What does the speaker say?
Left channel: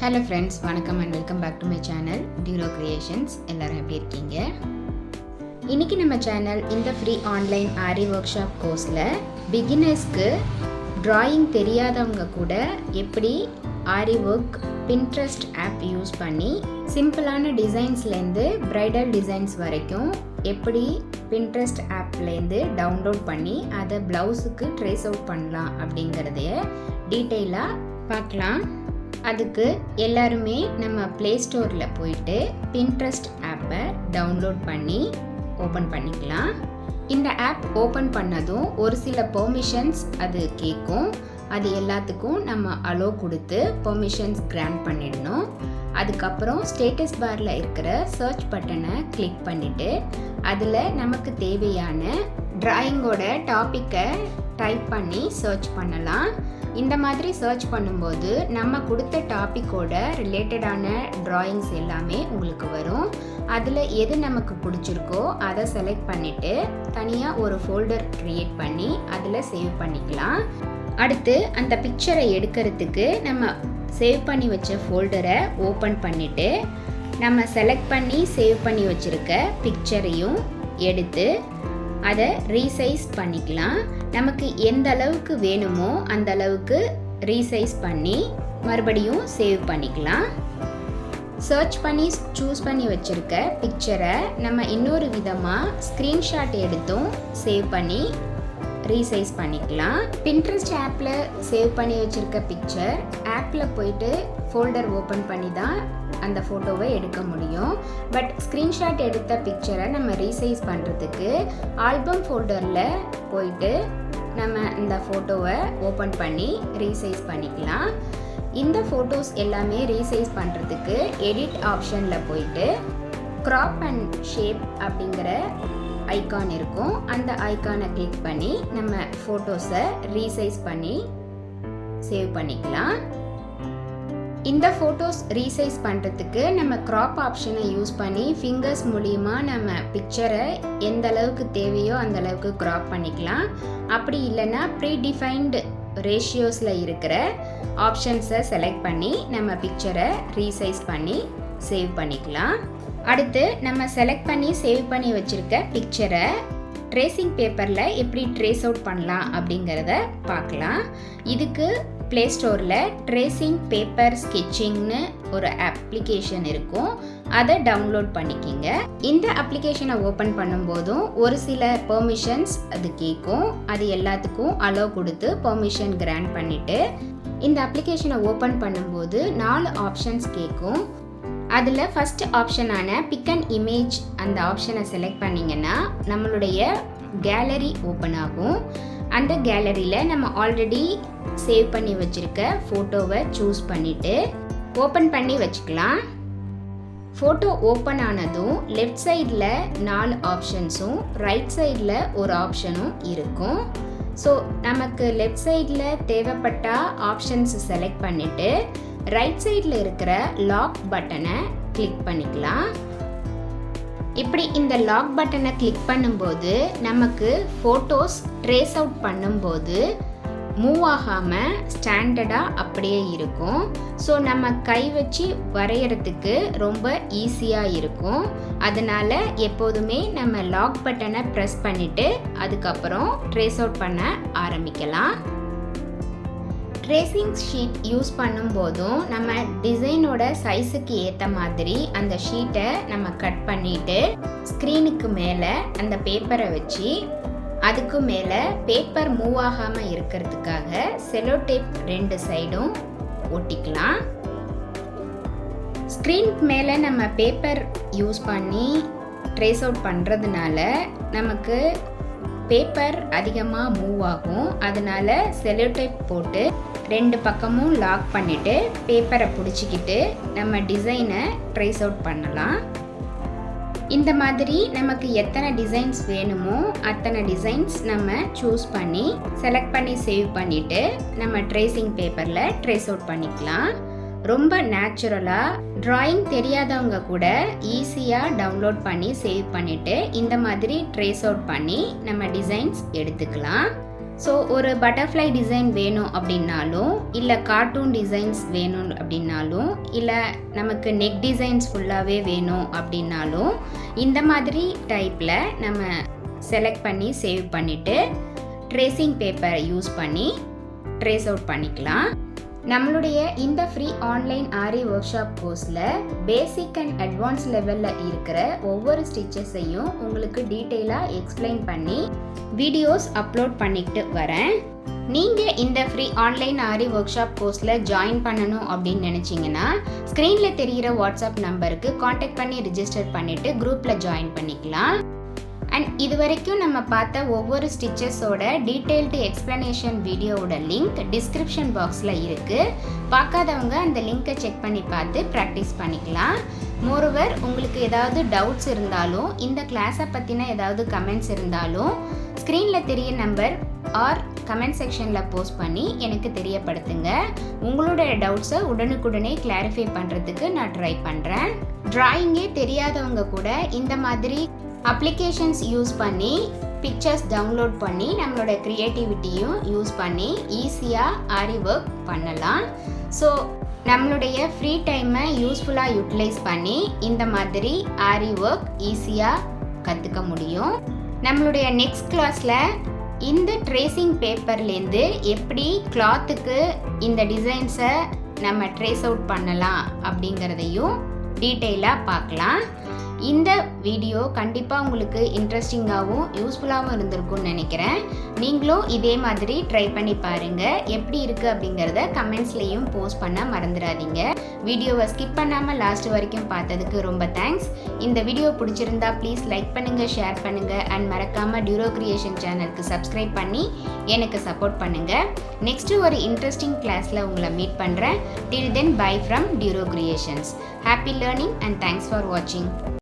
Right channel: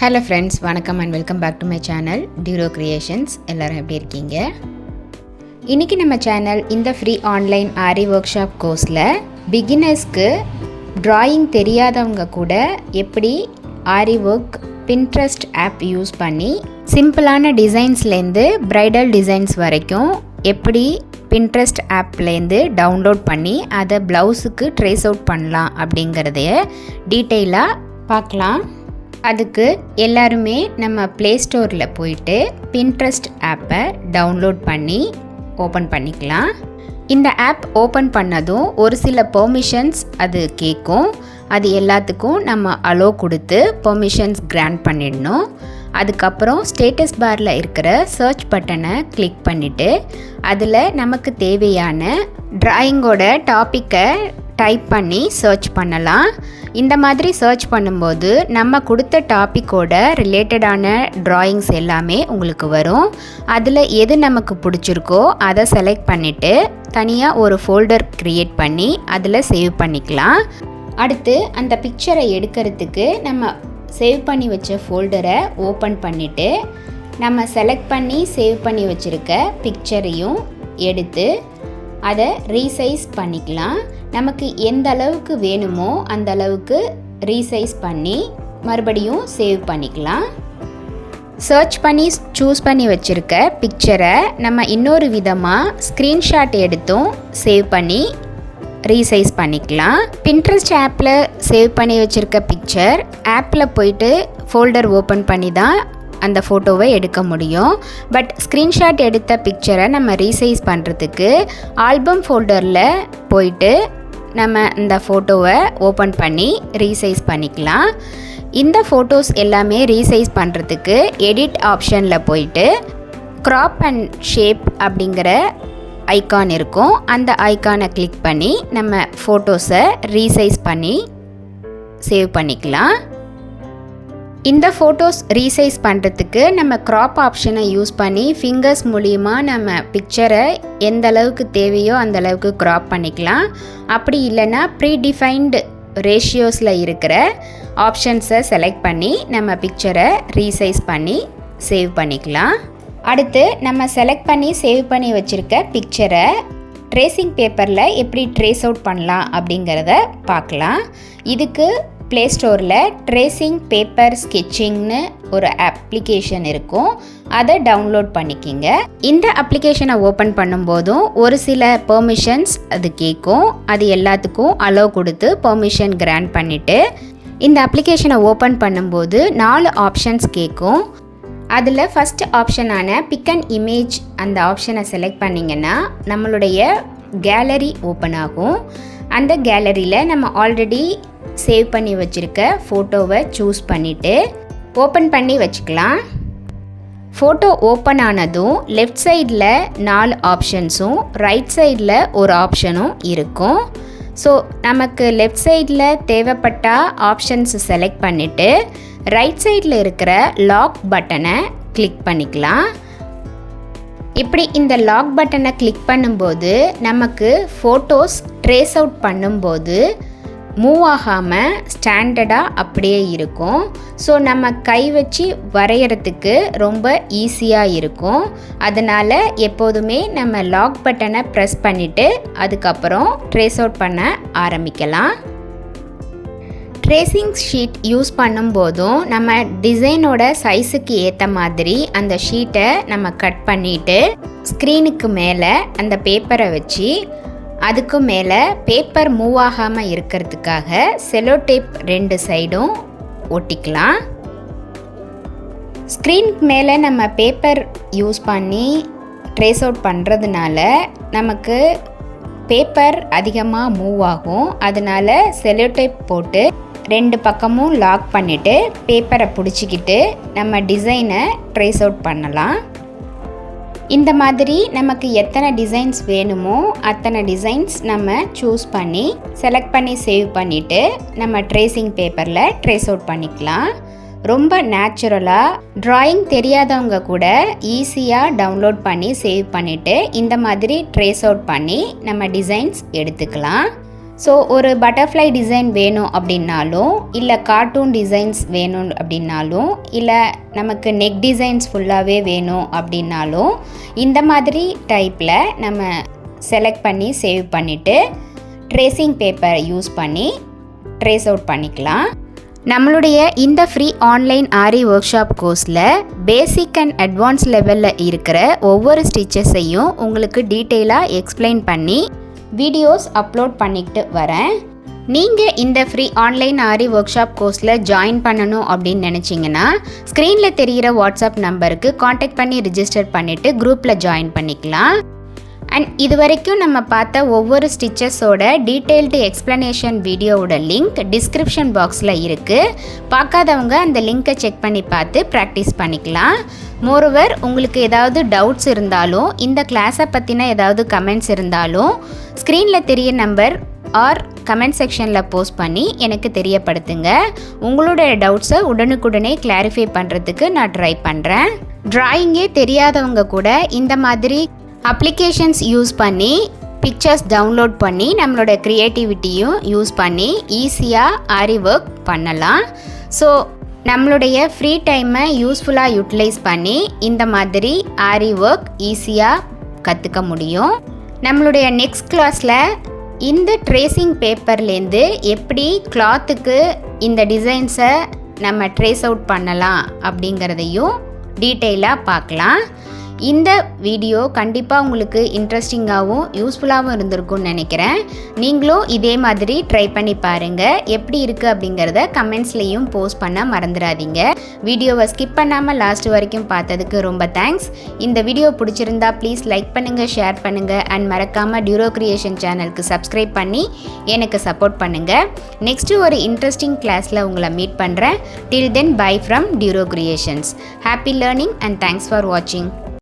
Hello friends, வணக்கம் and welcome back to my channel டியூரோ creations. எல்லோரும் எப்படி இருக்கீங்க? இன்றைக்கி நம்ம சேனல் இந்த free online Aari workshop கோர்ஸில் பிகினர்ஸ்க்கு ட்ராயிங் தெரியாதவங்க கூட எப்படி Aari work Pinterest app use பண்ணி சிம்பிளான டிசைன்ஸ்லேருந்து ப்ரைடல் டிசைன்ஸ் வரைக்கும் எப்படி பின்ட்ரெஸ்ட் ஆப்லேருந்து டவுன்லோட் பண்ணி அதை ப்ளவுஸுக்கு ட்ரேஸ் அவுட் பண்ணலாம் அப்படிங்கிறதைய டீட்டெயிலாக பார்க்கலாம். அதுக்கு எல்லாருமே நம்ம ப்ளே ஸ்டோரில் போயிட்டு பின்ட்ரெஸ்ட் ஆப்பை டவுன்லோட் பண்ணி ஓப்பன் பண்ணிக்கலாம். இந்த ஆப் ஓப்பன் பண்ணதும் ஒரு சில பெர்மிஷன்ஸ் அது கேட்கும். அது எல்லாத்துக்கும் நம்ம அலோ கொடுத்து பெர்மிஷன்ஸ் கிராண்ட் பண்ணிடணும். அதுக்கப்புறம் ஸ்டேட்டஸ் பாரில் இருக்கிற சர்ச் பட்டனை கிளிக் பண்ணிவிட்டு அதில் நமக்கு தேவையான ட்ராயிங்கோட டாப்பிக்கை டைப் பண்ணி சர்ச் பண்ணலாம். இந்த மாதிரி சர்ச் பண்ணும்போது நம்ம கொடுத்த டாப்பிக்கோட ரிலேட்டடான ட்ராயிங்ஸ் எல்லாமே உங்களுக்கு வரும். அதில் எது நமக்கு பிடிச்சிருக்கோ அதை செலக்ட் பண்ணிவிட்டு தனியாக ஒரு ஃபோல்டர் க்ரியேட் பண்ணி அதில் சேவ் பண்ணிக்கலாம். அடுத்து அந்த பிக்சரை எடுக்கிறதுக்கு நம்ம சேவ் பண்ணி வச்ச ஃபோல்டரை ஓப்பன் பண்ணிவிட்டு நம்ம செலக்ட் பண்ணி சேவ் பண்ணி வச்சுருக்க பிக்சரையும் எடுத்து அதை ரீசைஸ் பண்ணிக்கலாம். நமக்கு எந்த அளவுக்கு வேணுமோ அந்த அளவுக்கு ரீசைஸ் பண்ணி மறுபடியும் சேவ் பண்ணிக்கலாம். சர்ச் பண்ணி சூஸ் பண்ணி வச்சுருக்க பிக்சரை நம்ம இன்னொரு விதமாக ஸ்க்ரீன்ஷாட் எடுத்தும் சேவ் பண்ணி ரீசைஸ் பண்ணிக்கலாம். பின்ட்ரெஸ்ட் ஆப்பில் சேவ் பண்ணி வச்சுருக்க பிக்சர் ஆப்பில் போயிட்டு ஃபோல்டர் ஓப்பன் பண்ணி தான் அந்த ஃபோட்டோவை எடுக்க முடியும். பட் ஸ்க்ரீன்ஷாட் எடுத்த பிக்சரை நம்ம ரீசைஸ் பண்ணுறதுக்கு ஆல்பம் ஃபோல்டரில் போயிட்டு நம்ம இந்த ஃபோட்டோவை ஓப்பன் பண்ணி ரீசைஸ் பண்ணிக்கலாம். இந்த ஃபோட்டோஸ் எல்லாமே ரீசைஸ் பண்ணுறதுக்கு எடிட் ஆப்ஷனில் போயிட்டு க்ராப் அண்ட் ஷேப் அப்படிங்கிற ஐக்கான் இருக்கும். அந்த ஐக்கானை கிளிக் பண்ணி நம்ம ஃபோட்டோஸை ரீசைஸ் பண்ணி சேவ் பண்ணிக்கலாம். இந்த ஃபோட்டோஸ் ரீசைஸ் பண்ணுறதுக்கு நம்ம க்ராப் ஆப்ஷனை யூஸ் பண்ணி ஃபிங்கர்ஸ் மூலிமா நம்ம பிக்சரை எந்த அளவுக்கு தேவையோ அந்த அளவுக்கு க்ராப் பண்ணிக்கலாம். அப்படி இல்லைன்னா ப்ரீடிஃபைன்டு ரேஷியோஸில் இருக்கிற ஆப்ஷன்ஸை செலக்ட் பண்ணி நம்ம பிக்சரை ரீசைஸ் பண்ணி சேவ் பண்ணிக்கலாம். அடுத்து நம்ம செலக்ட் பண்ணி சேவ் பண்ணி வச்சுருக்க பிக்சரை ட்ரேசிங் பேப்பரில் எப்படி ட்ரேஸ் அவுட் பண்ணலாம் அப்படிங்கிறத பார்க்கலாம். இதுக்கு ப்ளே ஸ்டோரில் ட்ரேசிங் பேப்பர் ஸ்கெட்சிங்னு ஒரு அப்ளிகேஷன் இருக்கும். அதை டவுன்லோட் பண்ணிக்கிங்க. இந்த அப்ளிகேஷனை ஓப்பன் பண்ணும்போதும் ஒரு சில பெர்மிஷன்ஸ் அது கேட்கும். அது எல்லாத்துக்கும் அலோ கொடுத்து பெர்மிஷன் கிராண்ட் பண்ணிவிட்டு இந்த அப்ளிகேஷனை ஓப்பன் பண்ணும்போது 4 ஆப்ஷன்ஸ் கேட்கும். அதில் ஃபஸ்ட் ஆப்ஷனான பிக் அண்ட் இமேஜ் அந்த ஆப்ஷனை செலக்ட் பண்ணிங்கன்னா நம்மளுடைய கேலரி ஓப்பன் ஆகும். அந்த கேலரியில் நம்ம ஆல்ரெடி சேவ் பண்ணி வச்சுருக்க ஃபோட்டோவை சூஸ் பண்ணிவிட்டு ஓப்பன் பண்ணி வச்சுக்கலாம். ஃபோட்டோ ஓப்பன் ஆனதும் லெஃப்ட் சைடில் 4 ஆப்ஷன்ஸும் ரைட் சைடில் ஒரு ஆப்ஷனும் இருக்கும். ஸோ நமக்கு லெஃப்ட் சைடில் தேவைப்பட்ட ஆப்ஷன்ஸ் செலக்ட் பண்ணிவிட்டு ரைட் சைடில் இருக்கிற லாக் பட்டனை கிளிக் பண்ணிக்கலாம். இப்படி இந்த லாக் பட்டனை கிளிக் பண்ணும்போது நமக்கு ஃபோட்டோஸ் ட்ரேஸ் அவுட் பண்ணும்போது மூவ் ஆகாமல் ஸ்டாண்டர்டாக அப்படியே இருக்கும். ஸோ நம்ம கை வச்சு வரைகிறதுக்கு ரொம்ப ஈஸியாக இருக்கும். அதனால் எப்போதுமே நம்ம லாக் பட்டனை ப்ரெஸ் பண்ணிவிட்டு அதுக்கப்புறம் ட்ரேஸ் அவுட் பண்ண ஆரம்பிக்கலாம். ட்ரேசிங் ஷீட் யூஸ் பண்ணும்போதும் நம்ம டிசைனோட சைஸுக்கு ஏற்ற மாதிரி அந்த ஷீட்டை நம்ம கட் பண்ணிவிட்டு ஸ்க்ரீனுக்கு மேலே அந்த பேப்பரை வச்சு அதுக்கு மேலே பேப்பர் மூவ் ஆகாமல் இருக்கிறதுக்காக செலோ டேப் 2 சைடும் ஒட்டிக்கலாம். ஸ்க்ரீனுக்கு மேலே நம்ம பேப்பர் யூஸ் பண்ணி ட்ரேஸ் அவுட் பண்ணுறதுனால நமக்கு பேப்பர் அதிகமாக மூவ் ஆகும். அதனால் செலோ டேப் போட்டு 2 பக்கமும் லாக் பண்ணிவிட்டு பேப்பரை பிடிச்சிக்கிட்டு நம்ம டிசைனை ட்ரேஸ் அவுட் பண்ணலாம். இந்த மாதிரி நமக்கு எத்தனை டிசைன்ஸ் வேணுமோ அத்தனை டிசைன்ஸ் நம்ம சூஸ் பண்ணி செலக்ட் பண்ணி சேவ் பண்ணிவிட்டு நம்ம ட்ரேசிங் பேப்பரில் ட்ரேஸ் அவுட் பண்ணிக்கலாம். ரொம்ப நேச்சுரலாக ட்ராயிங் தெரியாதவங்க கூட ஈஸியாக டவுன்லோட் பண்ணி சேவ் பண்ணிவிட்டு இந்த மாதிரி ட்ரேஸ் அவுட் பண்ணி நம்ம டிசைன்ஸ் எடுத்துக்கலாம். ஸோ ஒரு பட்டர்ஃப்ளை டிசைன் வேணும் அப்படின்னாலும், இல்லை கார்ட்டூன் டிசைன்ஸ் வேணும் அப்படின்னாலும், இல்லை நமக்கு நெக் டிசைன்ஸ் ஃபுல்லாகவே வேணும் அப்படின்னாலும், இந்த மாதிரி டைப்பில் நம்ம செலக்ட் பண்ணி சேவ் பண்ணிவிட்டு ட்ரேசிங் பேப்பர் யூஸ் பண்ணி ட்ரேஸ் அவுட் பண்ணிக்கலாம். நம்மளுடைய இந்த free online Aari workshop கோர்ஸில் பேசிக் அண்ட் அட்வான்ஸ் லெவலில் இருக்கிற ஒவ்வொரு ஸ்டிச்சஸையும் உங்களுக்கு டீட்டெயிலாக எக்ஸ்பிளைன் பண்ணி வீடியோஸ் அப்லோட் பண்ணிக்கிட்டு வரேன். நீங்கள் இந்த free online Aari workshop கோர்ஸில் ஜாயின் பண்ணணும் அப்படின்னு நினச்சிங்கன்னா ஸ்க்ரீனில் தெரிகிற வாட்ஸ்அப் நம்பருக்கு காண்டாக்ட் பண்ணி ரிஜிஸ்டர் பண்ணிவிட்டு குரூப்பில் ஜாயின் பண்ணிக்கலாம். அண்ட் இது வரைக்கும் நம்ம பார்த்த ஒவ்வொரு ஸ்டிச்சஸோட டீட்டெயில்டு எக்ஸ்ப்ளனேஷன் வீடியோவோட லிங்க் டிஸ்கிரிப்ஷன் பாக்ஸில் இருக்குது. பார்க்காதவங்க அந்த லிங்க்கை செக் பண்ணி பார்த்து ப்ராக்டிஸ் பண்ணிக்கலாம். மோரோவர் உங்களுக்கு ஏதாவது டவுட்ஸ் இருந்தாலும், இந்த கிளாஸை பற்றின ஏதாவது கமெண்ட்ஸ் இருந்தாலும் ஸ்க்ரீனில் தெரிய நம்பர் ஆர் கமெண்ட் செக்ஷனில் போஸ்ட் பண்ணி எனக்கு தெரியப்படுத்துங்க. உங்களுடைய டவுட்ஸை உடனுக்குடனே கிளாரிஃபை பண்ணுறதுக்கு நான் ட்ரை பண்ணுறேன். ட்ராயிங்கே தெரியாதவங்க கூட இந்த மாதிரி அப்ளிகேஷன்ஸ் யூஸ் பண்ணி பிக்சர்ஸ் டவுன்லோட் பண்ணி நம்மளோட க்ரியேட்டிவிட்டியும் யூஸ் பண்ணி ஈஸியாக ஆரி ஒர்க் பண்ணலாம். ஸோ நம்மளுடைய ஃப்ரீ டைமை யூஸ்ஃபுல்லாக யூட்டிலைஸ் பண்ணி இந்த மாதிரி ஆரி ஒர்க் ஈஸியாக கற்றுக்க முடியும். நம்மளுடைய நெக்ஸ்ட் கிளாஸில் இந்த ட்ரேசிங் பேப்பர்லேருந்து எப்படி கிளாத்துக்கு இந்த டிசைன்ஸை நம்ம ட்ரேஸ் அவுட் பண்ணலாம் அப்படிங்கிறதையும் டீட்டெயிலாக பார்க்கலாம். இந்த வீடியோ கண்டிப்பாக உங்களுக்கு இன்ட்ரெஸ்டிங்காகவும் யூஸ்ஃபுல்லாகவும் இருந்திருக்கும்னு நினைக்கிறேன். நீங்களும் இதே மாதிரி ட்ரை பண்ணி பாருங்கள். எப்படி இருக்குது அப்படிங்கிறத கமெண்ட்ஸ்லேயும் போஸ்ட் பண்ண மறந்துடாதீங்க. வீடியோவை ஸ்கிப் பண்ணாமல் லாஸ்ட் வரைக்கும் பார்த்ததுக்கு ரொம்ப தேங்க்ஸ். இந்த வீடியோ பிடிச்சிருந்தா ப்ளீஸ் லைக் பண்ணுங்கள், ஷேர் பண்ணுங்கள் அண்ட் மறக்காமல் டியூரோ கிரியேஷன் சேனலுக்கு சப்ஸ்கிரைப் பண்ணி எனக்கு சப்போர்ட் பண்ணுங்கள். நெக்ஸ்ட்டு ஒரு இன்ட்ரெஸ்டிங் கிளாஸில் உங்களை மீட் பண்ணுறேன். Till then bye from Duro Creations. Happy learning and thanks for வாட்சிங்.